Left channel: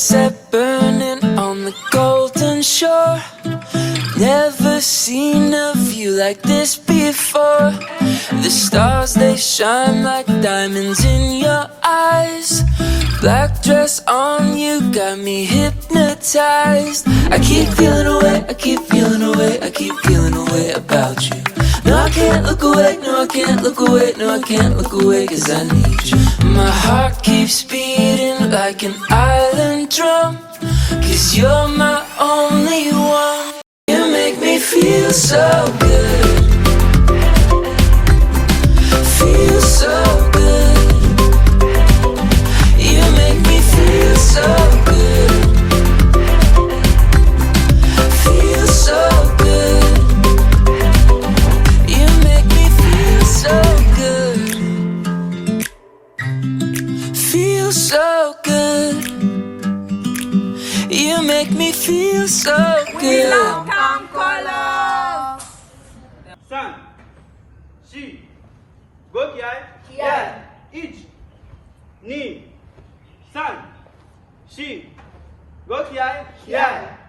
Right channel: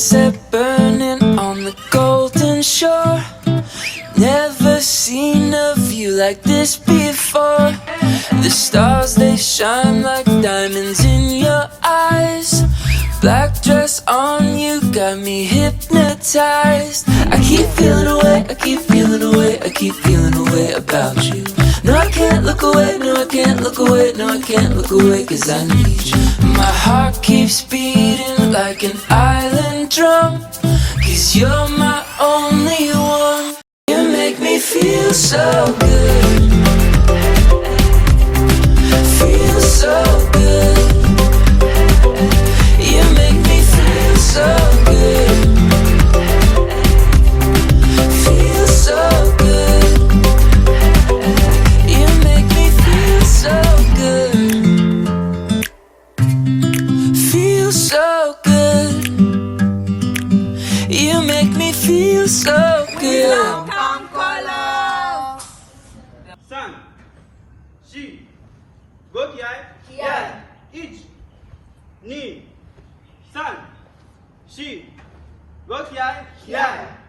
sunset burning on the golden shore. Never seen a view like this before. The stars, they shine like diamonds in your eyes. Black dress on you got me hypnotized. I keep feeling away, I keep feeling away, I keep feeling away about you. No, I can't look away, no, I can't look away, no, I can't look away, 'cause I need you. My heart keeps beating like an island drum, 'cause you're my only one. You make me feel so good, feel so good. You make me feel so good, feel so good. You make me feel so good, feel so good. You make me feel so good. 3、4、5起来，起来，1、2、3、4、5起来，起来。